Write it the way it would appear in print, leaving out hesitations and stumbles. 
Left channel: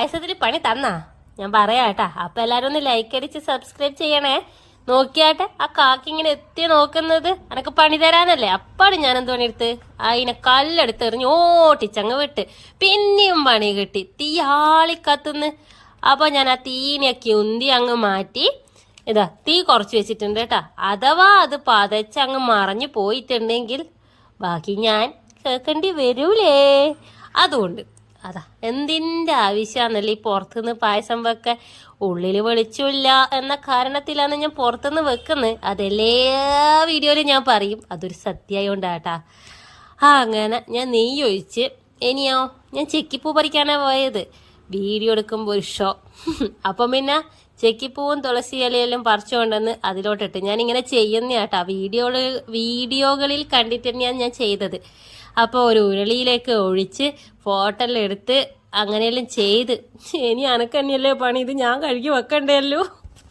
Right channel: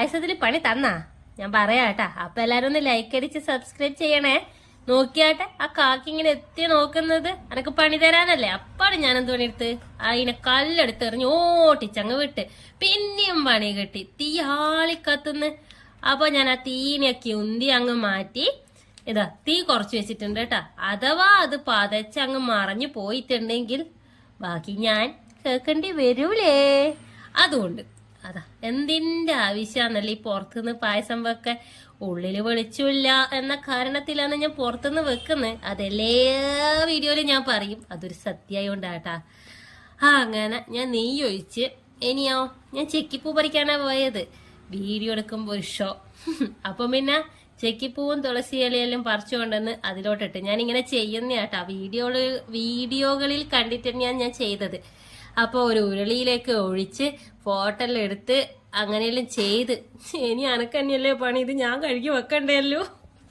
പായസത്തിൽ പണി തന്നാ ഞാൻ പറയാട്ടാ. അപ്പൊ എല്ലാരും ഒന്ന് ലൈക്ക് അടിച്ച് സബ്സ്ക്രൈബ് ചെയ്യണേ. നോക്കിയാട്ടെ ആ കാക്കി ഇങ്ങനെ എത്തി നോക്കുന്നത് എനക്ക് പണി തരാനല്ലേ. അപ്പാട് ഞാൻ എന്തോ എടുത്ത് അതിനെ കല്ലെടുത്ത് എറിഞ്ഞ് ഓട്ടിച്ചങ്ങ് വിട്ട്. പിന്നെയും പണി കിട്ടി, തീ ആളിക്കത്തുന്ന്. അപ്പൊ ഞാൻ ആ തീനെയൊക്കെ ഉന്തി അങ്ങ് മാറ്റി ഇതാ തീ കുറച്ച് വെച്ചിട്ടുണ്ട് കേട്ടാ. അഥവാ അത് പതച്ചങ്ങ് മറഞ്ഞു പോയിട്ടുണ്ടെങ്കിൽ ബാക്കി ഞാൻ കേൾക്കേണ്ടി വരൂലേ. അതുകൊണ്ട് അതാ എന്തിന്റെ ആവശ്യമാണല്ലേ ഈ പുറത്തുനിന്ന് പായസം വെക്കാൻ. ഉള്ളില് വെളിച്ചില്ല എന്ന കാരണത്തിലാണ് ഞാൻ പുറത്തുനിന്ന് വെക്കുന്നത്. അതെല്ലാ വീഡിയോയിലും ഞാൻ പറയും, അതൊരു സത്യമായോണ്ടാട്ടാ. അങ്ങനെ ഞാൻ നെയ്യ് ഒഴിച്ച് ഇനിയോ ഞാൻ ചെക്കിപ്പൂ പറിക്കാനാ പോയത്. വീഡിയോ എടുക്കുമ്പോൾ ഒരു ഷോ. അപ്പം പിന്നെ ചെക്കിപ്പൂവും തുളസി ഇലയെല്ലാം പറിച്ചുകൊണ്ടെന്ന് അതിലോട്ടിട്ട് ഞാനിങ്ങനെ ചെയ്യുന്നതാട്ടാ. വീഡിയോകളിൽ കണ്ടിട്ട് തന്നെയാണ് ഞാൻ ചെയ്തത്. അപ്പോൾ ഒരു ഉരുളിയിലേക്ക് ഒഴിച്ച് ഫോട്ടോ എല്ലാം എടുത്ത് അങ്ങനെയെല്ലാം ചെയ്ത് ഇനി അനക്കന്നെയല്ലേ പണി, ഇത് ഞാൻ കഴുകി വെക്കണ്ടല്ലോ.